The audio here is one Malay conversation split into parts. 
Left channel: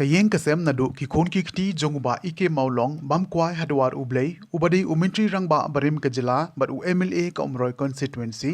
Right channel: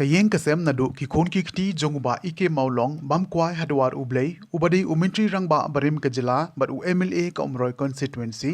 kayeng kasem nadu ki khon ki khti jonguba ike maulong bam kwai hadwar ublei ubadi umintri rangba barim kajila bat u MLA ka umroi constituency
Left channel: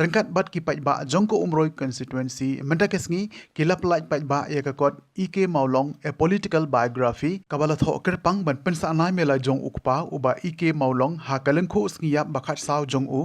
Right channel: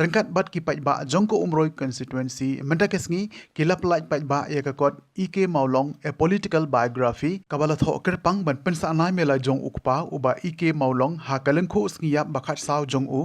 rangkat bat ki pajba jongko umroi constituency mendakesngi ki laplaj pajba ya ka kot ike maulong a political biography kabala tho kerpang ban pensa anai mela jong ukpa uba ike maulong ha kalengkho sngiya bakhat saw jong u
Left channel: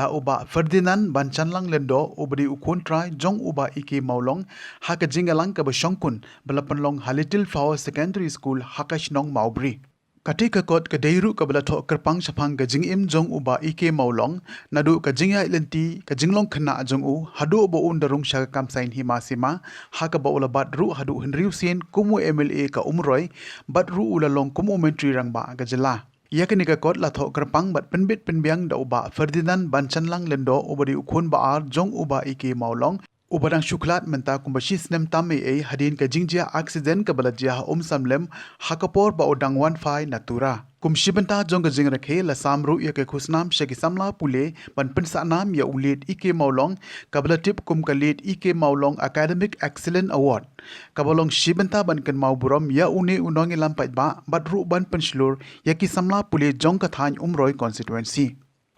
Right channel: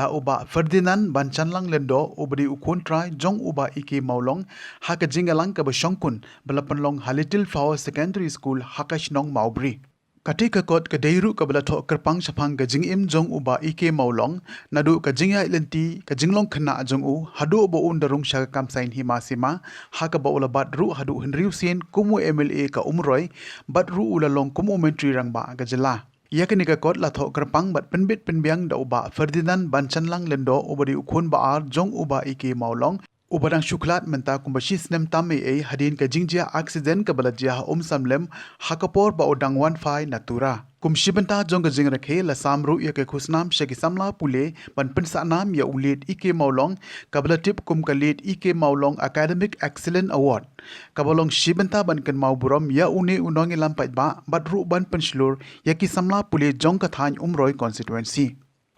da uba Ferdinand ban chanlang lendo ubadi ukhon trai jong uba ike maulong ha ka jingalang ka bashongkun balapanlong Little Flower Secondary School Hakashnong Maubri. Katika kot ka deiru ka balato kerpang sapang ka jingim jong uba ike maulong nadu ka jingya ilenti ka jinglong khana jong u hadu bo undarung sha kamsain himasima ha ka ba ulabat ru hadu henriu sien kumu MLA ka umroi bat ru ulalong kumu mentri rangba ka jela. Ia kenika kot latho kerpang bat penbit penbiang da uba Ferdinand Banchanlang lendo ubadi ukhun baar jong uba ike maulong ubadang syuklat menta kumbashi snem tame hadin ka jingjia accident ka balajia samlem hakapor ba udang 15 natura kumshibenta jong jing rakhe la samru ya ke khusnam sheki samla pule ban pensa nam ya ulit ike maulong kablatip kum kalit ike maulong academic excellent award kabalong shibenta ban kan mauburom ya une unong lampai ba batru ban penslur ya ki samla pule jong ka than umroi constituency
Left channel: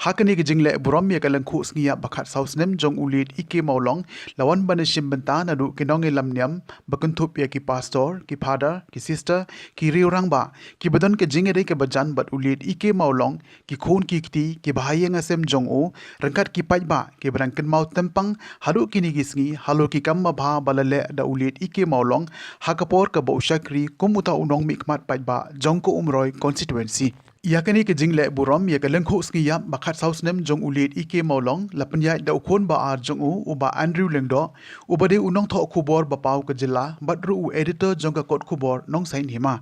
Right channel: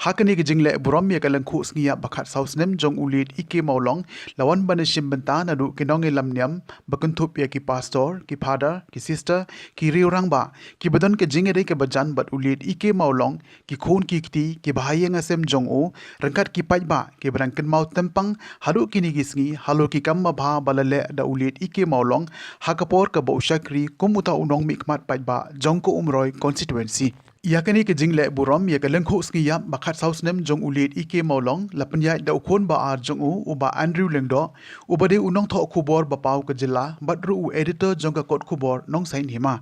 Hakani ke jingle buram ya kalang khu sngia bakhat sausnem jong ulit ike maulong lawan banishim benta nadu kinong lamniam bakanthup ya ki pastor ki father ki sister ki riurang ba ki badan ke jingere ke bajan bat ulit ike maulong ki khon ki kti ki bahayeng asem jong o rangkat ki pajba ki barang ken mau tempang haru kini gisngi halo ki kamma bha balale da ulit ike maulong hakapor ka bo shakri kumuta unong mikmat pajba jong ko umroi constituency Yakani ke jingle buram ya kalengkho skiya bakhat sausnem jong ulit ike maulong lapanya da ukhon ba ar jong u uba Andrew lengdo ubade unong tho khubor ba pau ka jila badru u editor jong ka kot khubor nong sain hima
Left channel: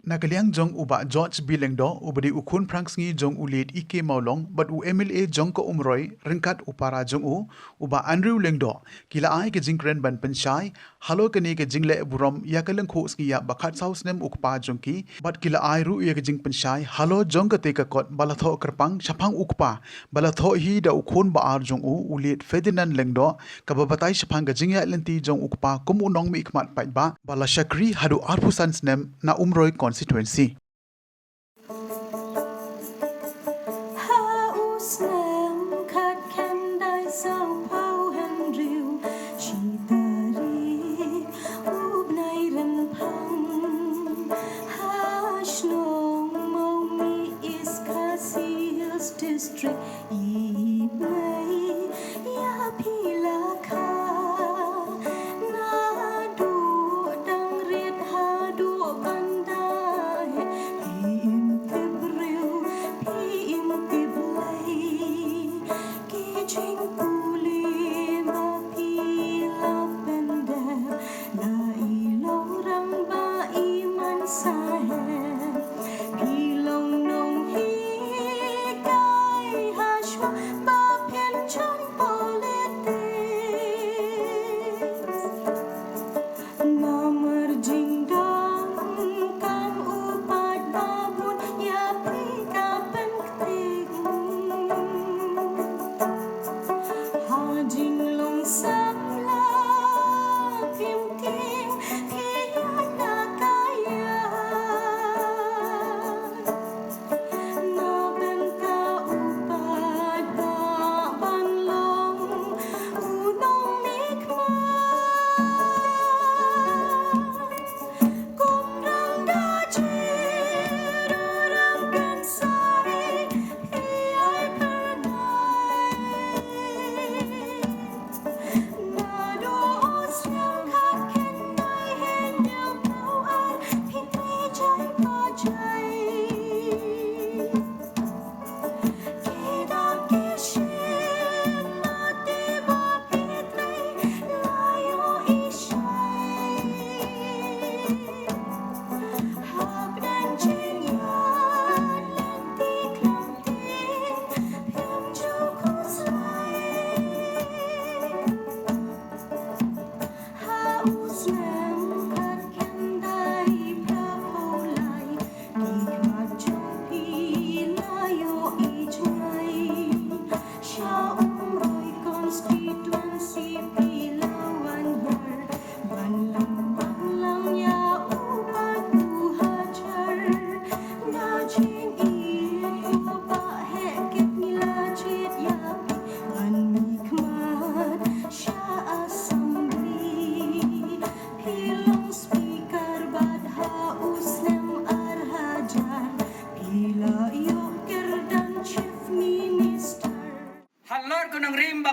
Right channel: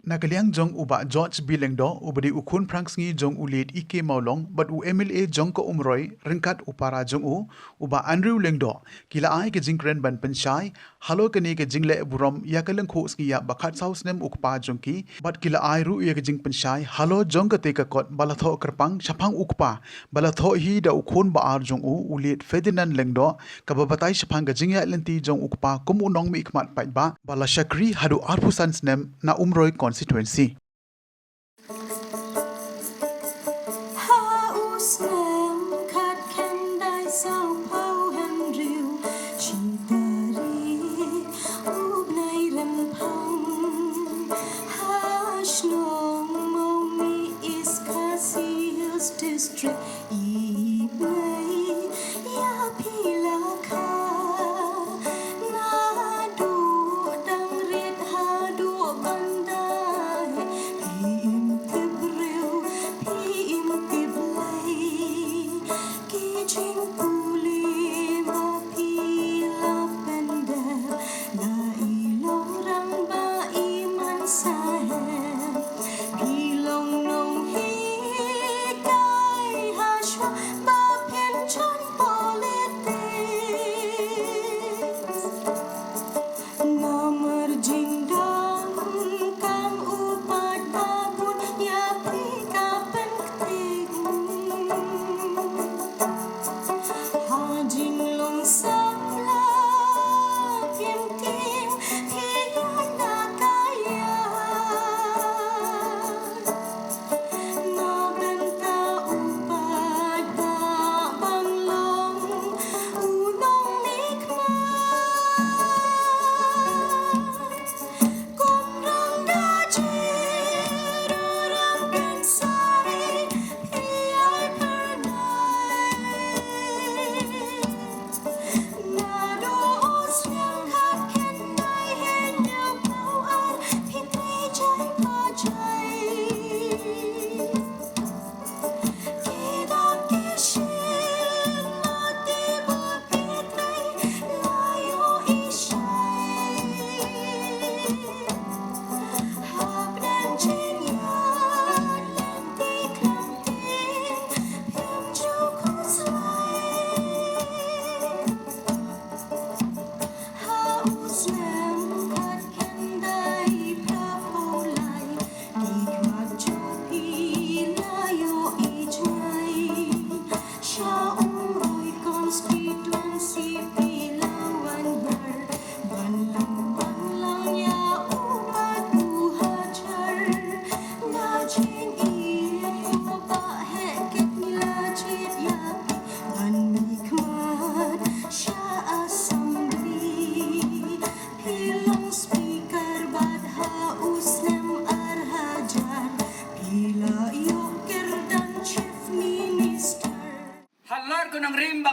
Nakaliang jong uba George Bilengdo ubadi ukhun prangsngi jong ulit ike maulong but u MLA jong ko umroi ringkat upara jong u uba Andrew Lengdo kila ai ke jingkren ban penshai halo kani ke jingle buram ya kaleng kho skiya bakhat sausnem ukpa jong ki but kila ai ru ya ke jing penshai halo jong ka te ka kot balatho kerpang chapang ukpa balatho hi da ukhun ba ar jong u ulit Ferdinand Lengdo ka babatai chapang ka jingya lenti jong ukpa kum unong mi ikmat pai ba bala shakri hadu arpusan snem na umroi constituency.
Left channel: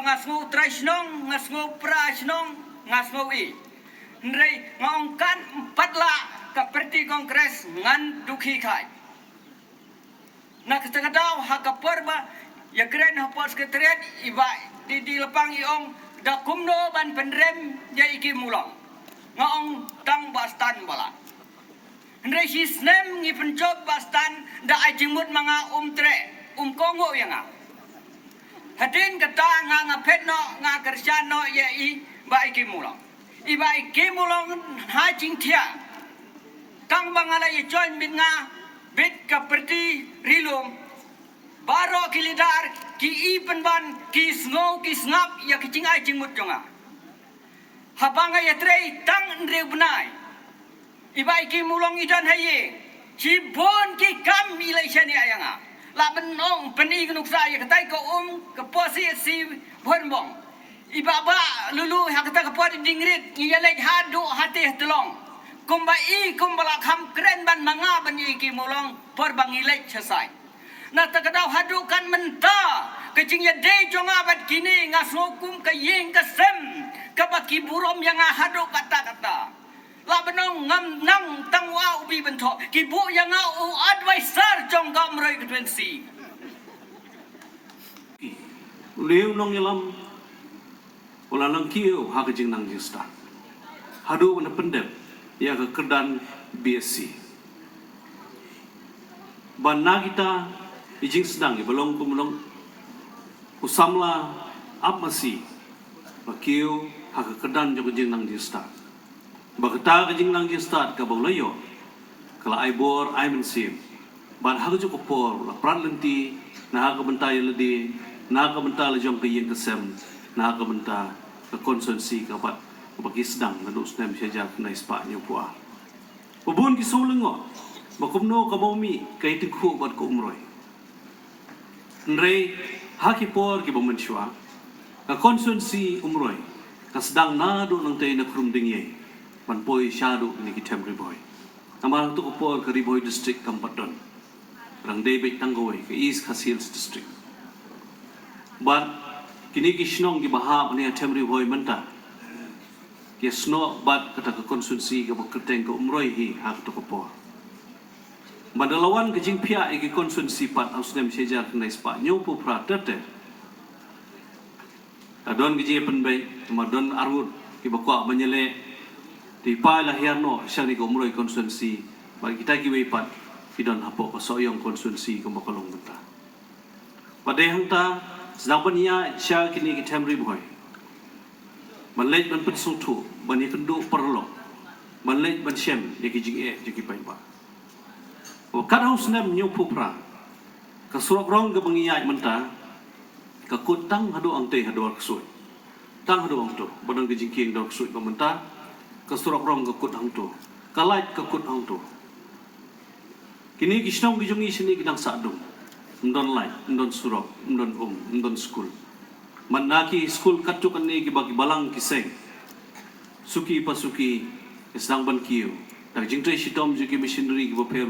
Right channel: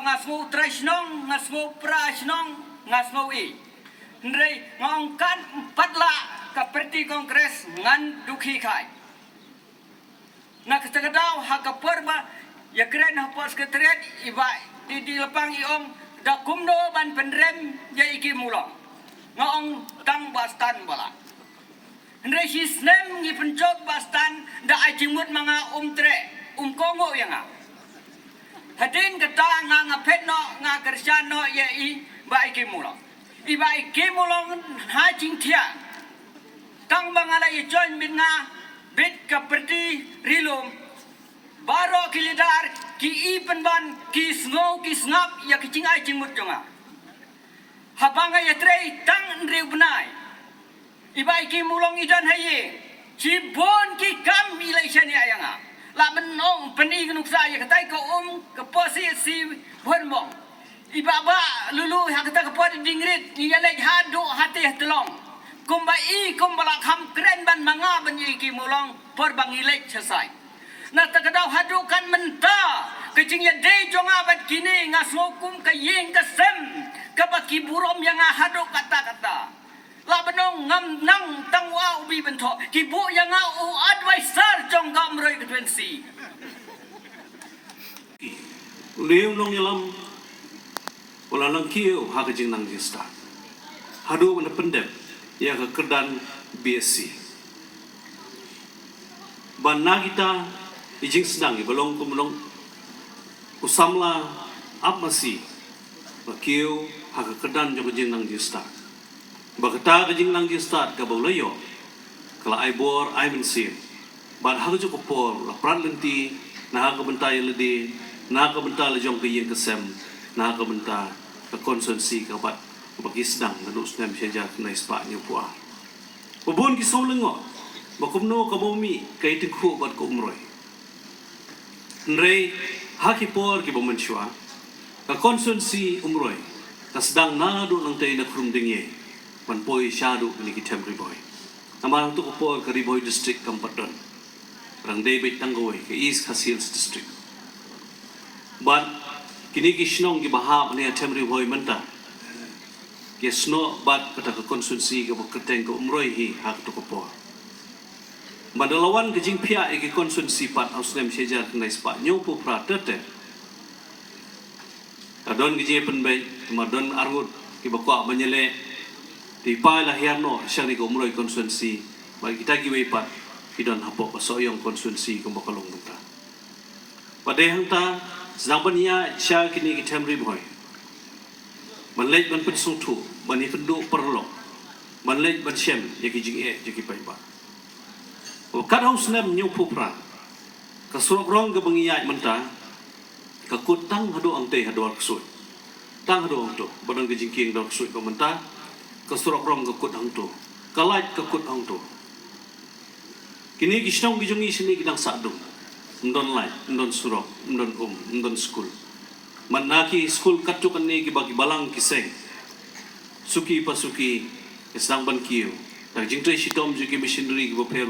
ngasmu trasnong ngasmu prasnong ngasmu i nrei ngongkan 4 la seperti kongres ngan dukhi khai nak sekadau hakapor ba ya keren hapos ketret iba di lepang iong da kumno ban pendrem ya iki mulang ngong tang bastan bala nrei sisnem ngi pencok bastan da ajimut manga tre kongo yang hadin kata ngapet no kerja no ya i ba iki mulang iba iki mulang ha jing tia tang bangala ye join bin nga bit kaperti rilum baro kilidar ki ipen ban ki snow ki snap ya ki cingai cingmut jonga habanga ya trei tang ndre benai iba iki mulong idan haye cibon ki kam election ya yanga la benong peni gnuk sa ya katai ko ke posisi bonbong iba ba lulu ha kata ke pod dingrit ya lek hadu hati telong kumbai kumbala kham keren ban manga banyi ki mulong por bangilek chasai na takadau hadukan menta kecing ya de jonga bat kini ngasokum ka yeng ka sem ka baki burom yang hadu kata-kata la benong ngam nang tangwa ubi bento ki bu yang u advisor jong ka mroi ketwensi leung long yalam wala lang kiu ha kejing nang jista hadu na pendep ya ke kedan BSc banna kita ijing sedang belong kumulong usamla apmasi bakiu ha ke kedan jo kejing nang jista bagata kejing nang jista ka bolayo kala aibor ai mensim ban ha jo kopor la pran lenti na ha ke bentai ledi na ka bentar le jong ke yin kesem na ka bentar ke konsumsi ka bat bagi sedang ngaduk snem sejak na ispa nyupua babun ki solengo makumno ka bomi kai tikhu bat ko umroi nrei haki por ki bomenshwa ka konsumsi umroi ka sedang na do nang tei na krum dingye man poi shadu ni ki temri boy amal tu ko por ka riboy district kampaton rang dei bet tanggoi ke east khasils district but kini ki shnong ki bahab ni temri boy menta ke sno bat kata ke konsumsi ke beketeng ke umroi hi hak tu ko madalawan ke jing pia ke konsumsi pat ausnem sejar nai spa nyu pu pratete adon ke je penbai madon argut ki bakwa menyele di pai lah hiano syari ke umroi konsumsi bagi kita ki wepat kidon hapo soyong konsumsi ke bakalong benta padai hangta sedang penia sya kini ki temri boy manlej ban pensung tu ban ifendu perlo manlej ban shem yaki jing yaki pai ba o kad haus nem nyu pupra ka surok rong ke bangiyai menta ka kutang hadu angte hadu aksui tang hadu ang tu badang ke jingking dok sui ko menta ka surok rong ke kut hang tu ka lait ka kut hang tu kini kisnong bijungi sini kidang sadung ndon lait ndon surok ndon school manaki school katukan ni bagi balang kiseng suki pasuki isang ban kiyo tak jingtay sitom juki missionary ki baper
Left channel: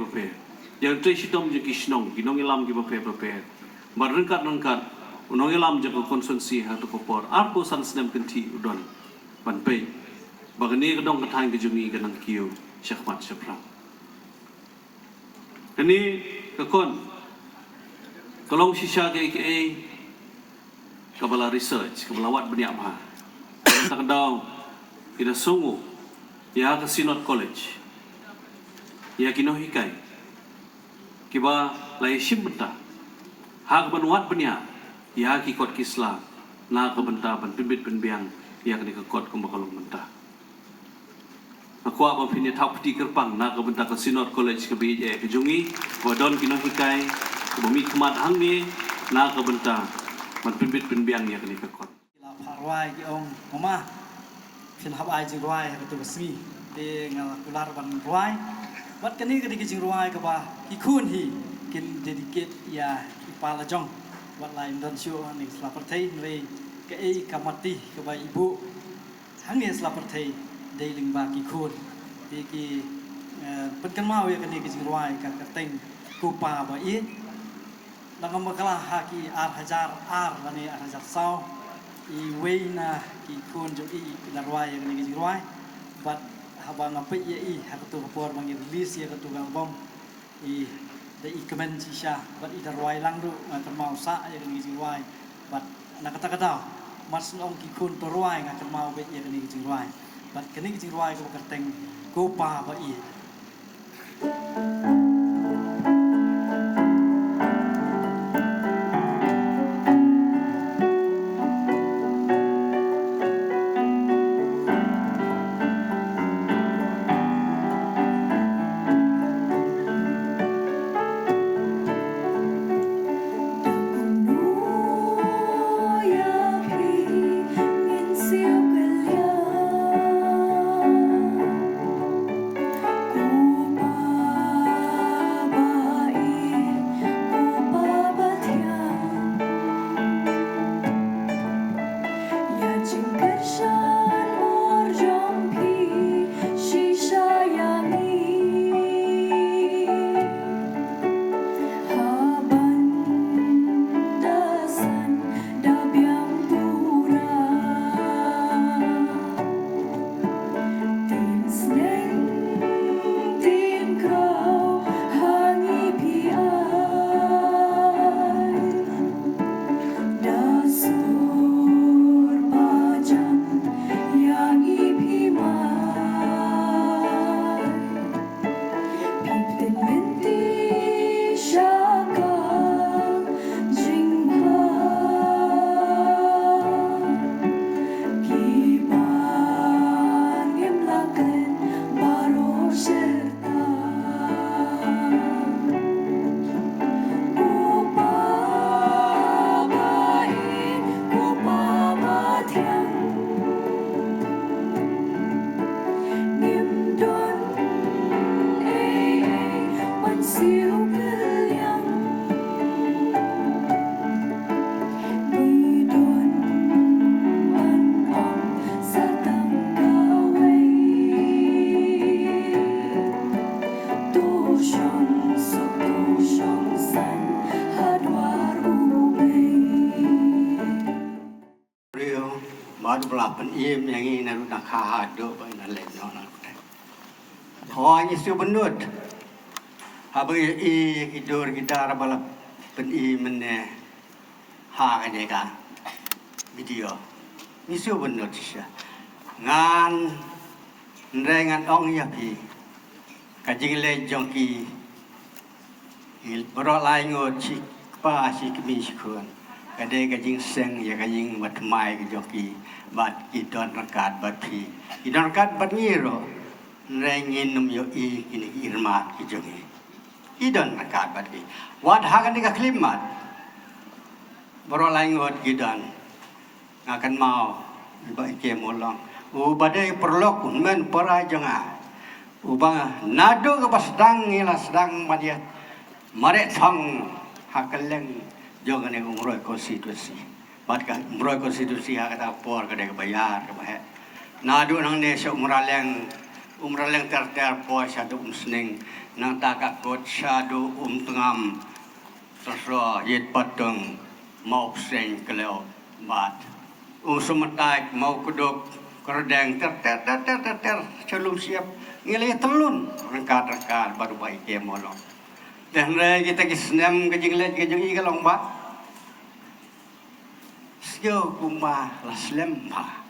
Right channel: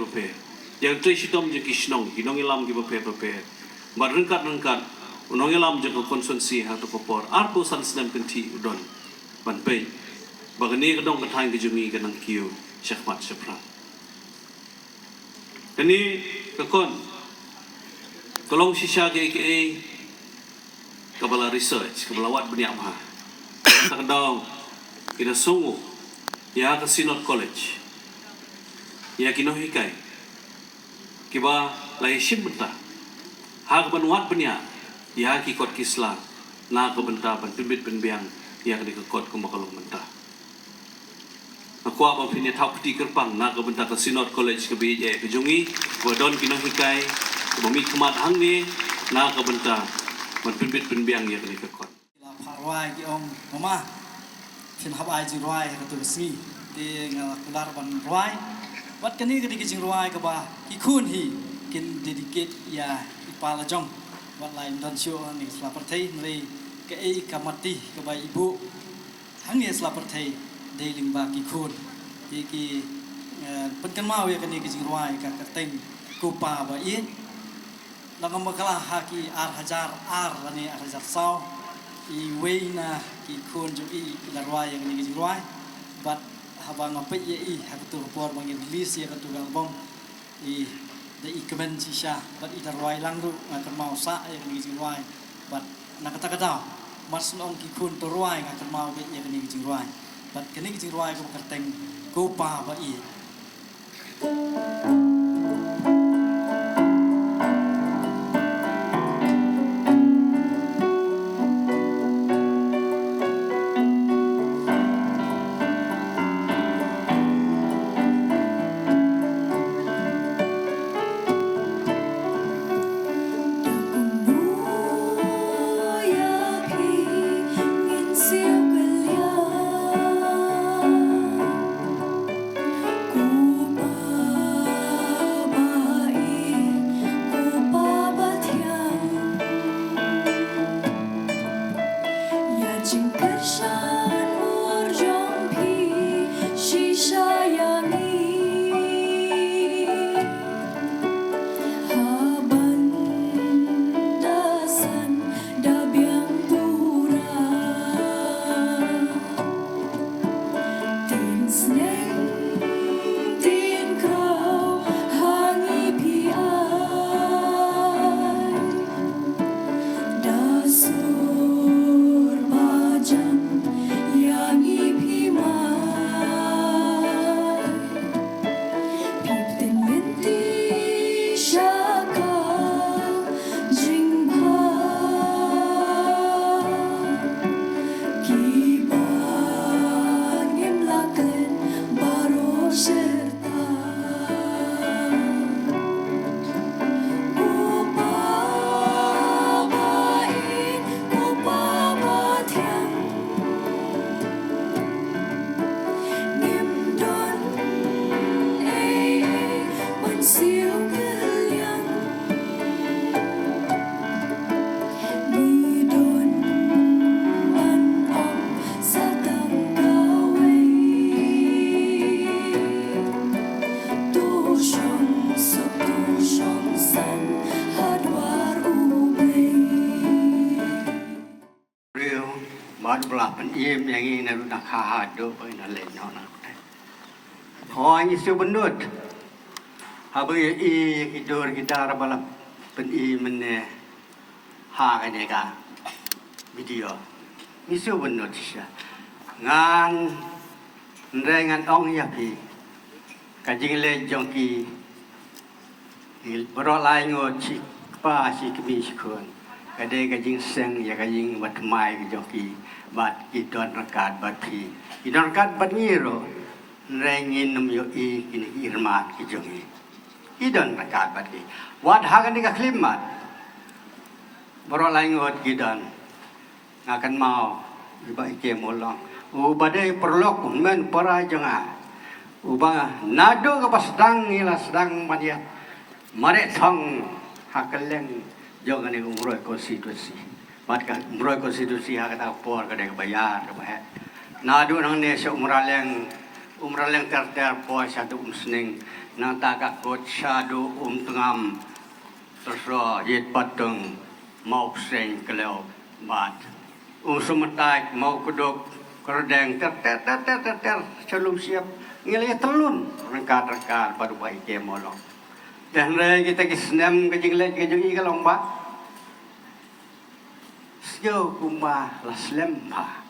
yang tay sitom juki shnong ginong ilam ki baper marengkat unong ilam juki konsumsi hatu popor arpo san sedem kenti udon ban pe bagani kedong katang ke jungi kanang kiyo syakmat syapram ini kakon kolong sisya ke kabala research kabala wat beniak mah takdau kita sungu ya ke Sinod College ya kino hikai kiba lai sim benta ha ke wat beniak ya ki kot kisla na ke benta ban pimbit penbiang ya ke kot ke makalong benta aku apa pini tau peti kerpang na ke benta ke Sinod College ke BJ ke jungi wadon kino hikai bumi kemat hang ni na ke benta man pimbit penbiang ya ke kot Rwai ki om mama fin habai jing rwai ha tu sni te nga kular ban rwai wat kani ke jing rwai ka ba ki khun hi kin dedicate ya ipala jong wat lain don sio ni slaperthei nei ke ei kamati ka ba ibu hang ni slaperthei deiling ba ki khun ki penkan mau ya kani ke jing rwai ka teng kupa ba i langam makala ha ki ar hajar ar lani ar hajar sau na ikun jo darwai yang ni jirwai but haba ngapai ye hakatu por bang release ya katu gang bom the ikemen sisha but darwai langru akan mau sa yang ni jirwai but nak kata mas nong ikun darwai akan mau be yang ni jirwai but kini jirwai ko kerteng go pa ba Belapan im yang ini naruh nak hado ina lain nak. Hoi isu benut. Habai hidur kita balap pen mene ha ini kan video. Isu benut sih. Ngan rengan ong ya pi. Kajing le jongki. Berolai ngot si pa si kemi sikun. Kadai kajing seng ya kajing wat mai jongki. Bat idon rakat bat pi idon rakat bat ngiro rengin num yo kini irma ijongi idon rakat bat pi wad hagan dika klimat berolai ngot gidan akan mau iba ike molong badai perlok men parai jonga uba nado ke pasdang ngila sedang madia mare thong hakaleng jogane umroi konstitusi Maka umroi konstitusi kata por kada bayar ke bah. Nadu nang ne se umraleng ter por satu umsning nang takak kot sadu tengam sosro yet pateng mau seng keleo mat. Sumetai mau kuduk kerdeng ter celum siap ngeli telun rengkat baru baik ke molong. Dan kita kisnam kejing lek kejing ikalong ba. Sio kuma laslem pa.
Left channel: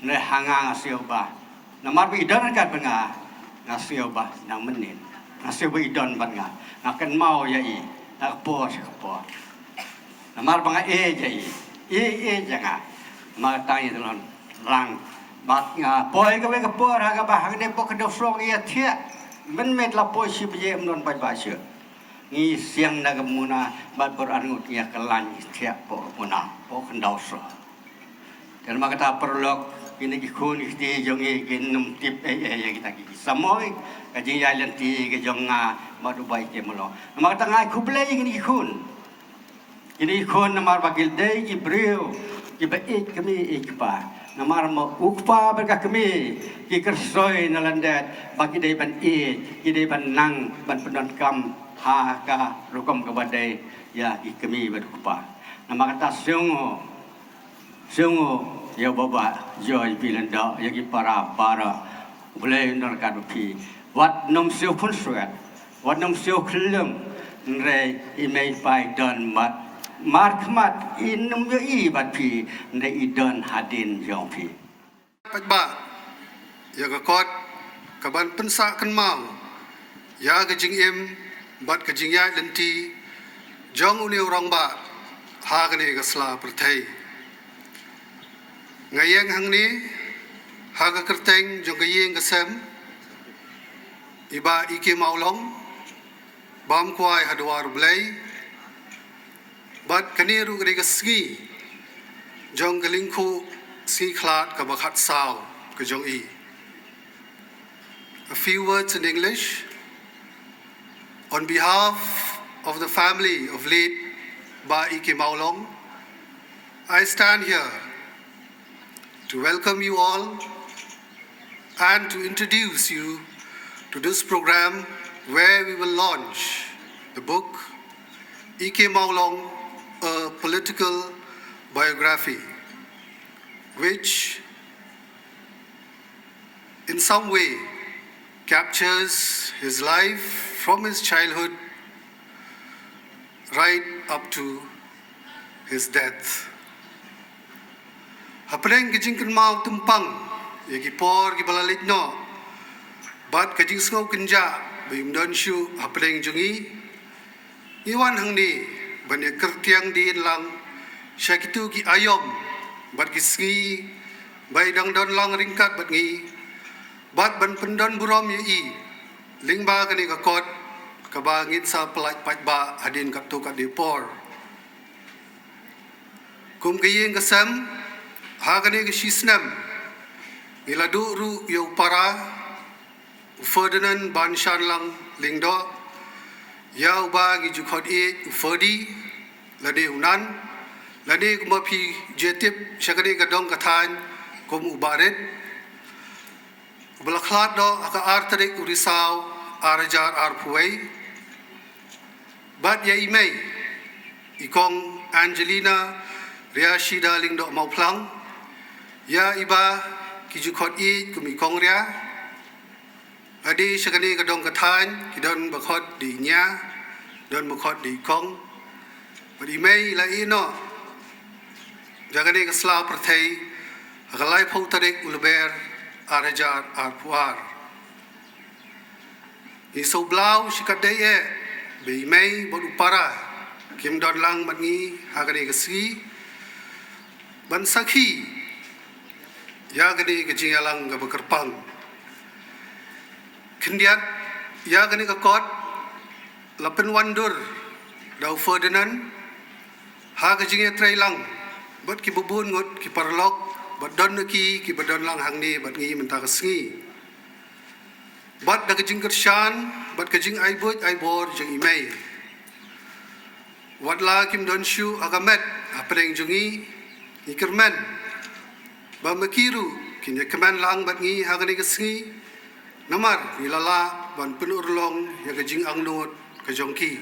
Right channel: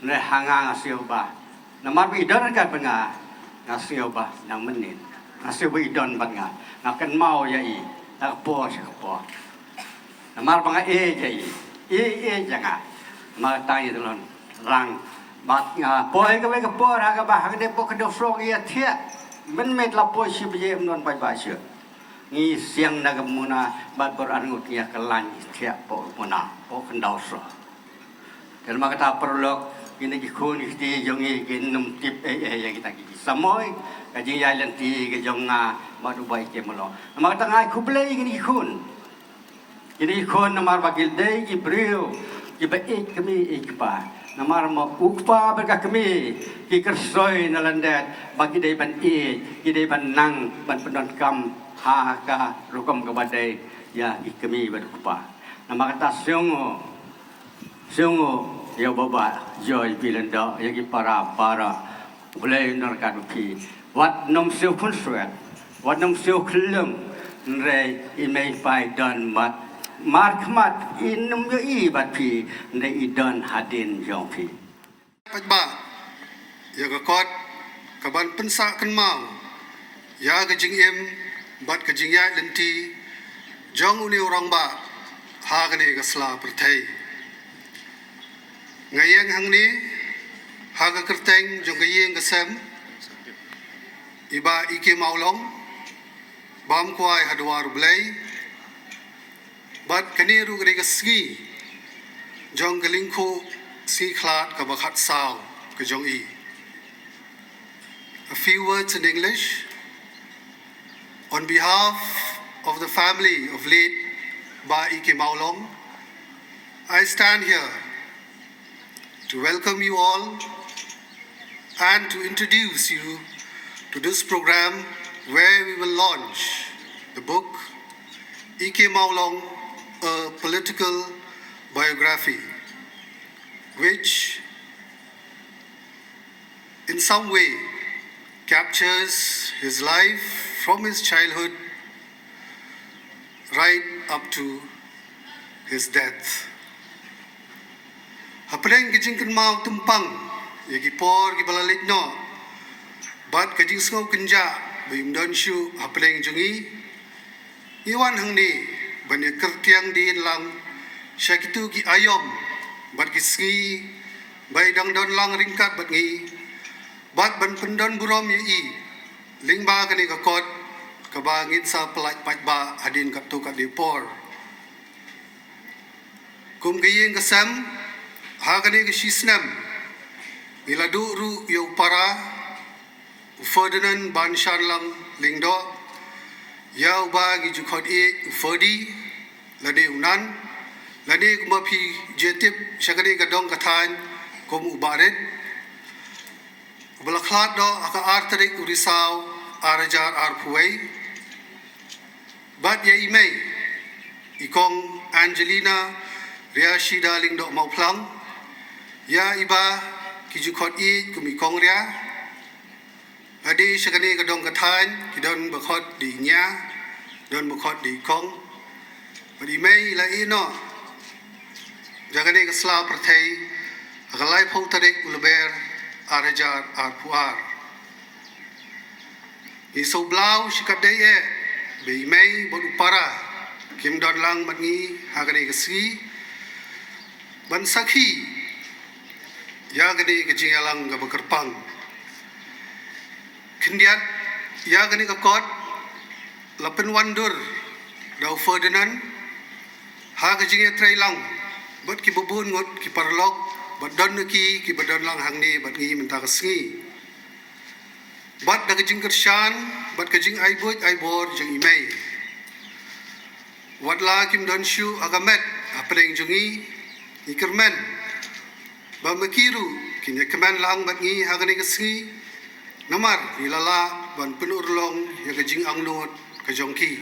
Ne hanga ngasio ba. Namar bi idon kan penga. Ngasio ba nang menit. Ngasio bi idon ban nga. Nakan mau ya i. Nak po sa po. Namar banga ja i. Jangan. Ma tanya telon rang bat nga poi ka ka po ha ka ba ha de po ka do frog ya thia. Men met la po si bi non pai ba sio. Ni siang dah kemuna bat Quran ngutia kelan tiap po muna po kendau so. Dan maka tak perlu ini kikun ikti jongi kinum tip ya kita kiki samoy kaji yalan ti ke jonga batu baik ke melo. Maka tak ngai kublai ini kikun. Ini kikun namar bagil dei Jibril kibait kami ikpa. Namar mo ukpa berkah kami kikersoy nalandat bagi dei ban kidei ban nang ban pendon kam ha ka rukom kabadai ya ikami berkupa nama kata siongo Sungguh ya baba joy bilanda ya ki para boleh nerkat pi wat nom siu pun suat wat nom siu kelem nre imei pai dan mat khmat in nom yo I bat pi nre I dan hadin jong pi Pajba ya ga kot kaban pensa kan mau ya ga jing em bat ka jing ya lenti jong uni orang ba ha ga ne ga sla perthai ngayeng hang ni ha ga kerteng jong ga yeng ga sem iba ike maulong bam kwai hadwar blai bat kani ru ga ski jong ga lingku si khlat ka bakhat saw ka jong I. A few words in English. On behalf of the family of late Ba Ike Maulong, I stand here to welcome you all and to introduce you to this program where we will launch the book Ike Maulong, a political biography, which in some way captures his life from his childhood right up to his death. Hapreng kajing kan mau tumpang, yagi por ki balalit no, bat kajing sngau kenja, bayum don shu hapreng jungi, iwan hang ni, banyak kertiang di lang, syakitu ki ayom, bat ki ski, bay dang don lang ringkat bat ngi, bat ban pendan buram yi, lingba kani kakot, kabangit sa pelat patba adin kaptu kat depor. Kum kayeng kasam, hagane gesisnam, iladu ru yo para, Ferdinand ban shanlang lingdo, yau ba gi jukot Ferdi, lade unan, lade kumapi jetip syakade kadong katan kum ubaret, belaklat do aka arterik urisau arajar arpuai, bat ya imei, ikong Angelina Riashida lingdo mauplang, ya iba kijukot kumikong ria, adi syakani kadong katan kidon bakot di nya, don bakot di kong, bat imei la ino, jagani kesla pertai, akalai pau tarik uleber arajar arpuar. Iso blau sikadeye, be imei bot upara, kim don lang matngi hagani kesi, ban sakhi, ya gani kejingalang ga bekerpang. Kendiat, ya gani kakot, lapen wandur, dau Ferdinand, ha kejingnya trailang, bat ki bubun ngot ki parlok, bat don ki badon lang hang ni bat ngi mentah kesengi. Bat da kejing kershan, bat kejing aibor jeng imei. Wat la kim don shu agamet apreng jungi ikermen. Ba mekiru kinya kemen lang bat ngi hagani kesengi. Namar nilala ban penurlong ya kejing angnot kejongki.